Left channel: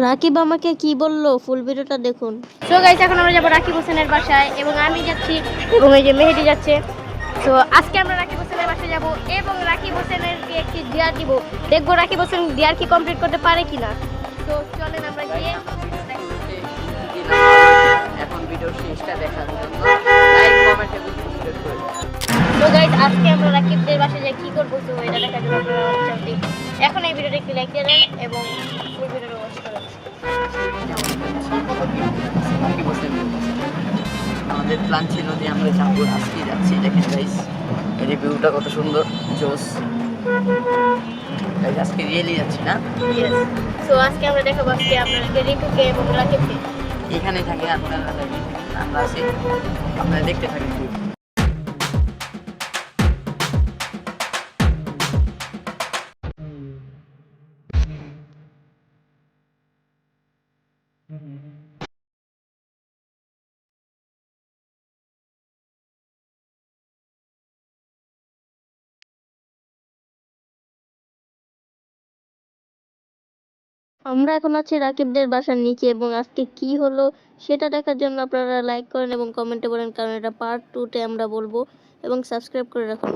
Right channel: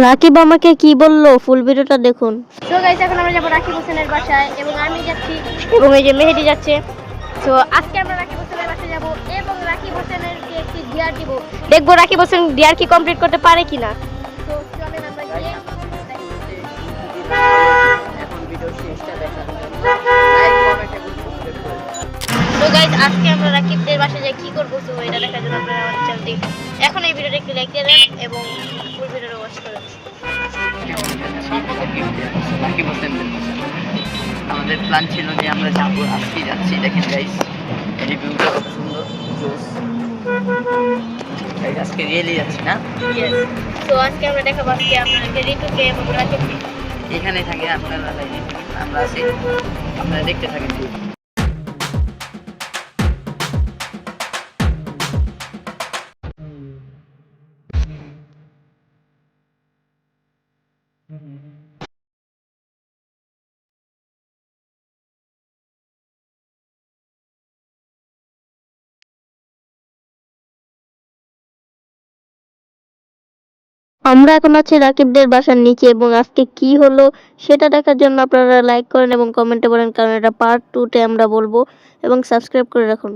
রাকিব আমাকে কি বললো ফুল ভিডিওটা দেখুন। সো গাইস, এখন আমরা যাবো রাকিব হোসেনের বাসায় এবং আমি যাচ্ছি এবং এই যে মেহেদি যাচ্ছে। তো আজকে আমরা রাকিব হোসেনের বাসায় যাব এবং রাকিব হোসেনকে একটি ডিয়ার দিব, দেখবো রাকিব হোসেন ডিয়ার কি কমপ্লিট করতে পারে কিনা। তো চলেন আমরা গিয়ে এখন ভিডিও শেষটা দেখার জন্য লাইক কমেন্ট এবং সাবস্ক্রাইব করে দিন। তো গাইস, আজকে আমরা রাকিবদের বাসায় যাই কি করবো, তো এটা দেখার জন্য আপনারা আমাদের চ্যানেলটি এখন এই ভিডিওটা একটু লাইক দিয়ে দেন এবং ফুল ভিডিওটা ওয়াচ করেন। রাকিব হোসেনদের আমাদের প্ল্যান ছিল যে আমরা যাবো, আজকে যাচ্ছি। দেখেন গাইস, এই ভিউটা কত সুন্দর, জোস গাইস। আজকে রিয়েলি যাচ্ছি না? ইয়েস। তো আজকে আমরা দেখাবো আজকে আপনাদেরকে ঋতুকে এবং রাকিবকে। এখানে থাকে আপনারা, আমরা আছি, আপনারা দেখতে থাকেন। আমরা এখন আছি রাকিবদের বাসার নিচে এবং আজকে কি হলো সেটা দেখার জন্য আপনারা লাইক করেন এবং কমেন্টে বলেন, কারণ এটা পার্ট 2 তে আমরা বলবো, এবং সাবস্ক্রাইব করে রাখুন।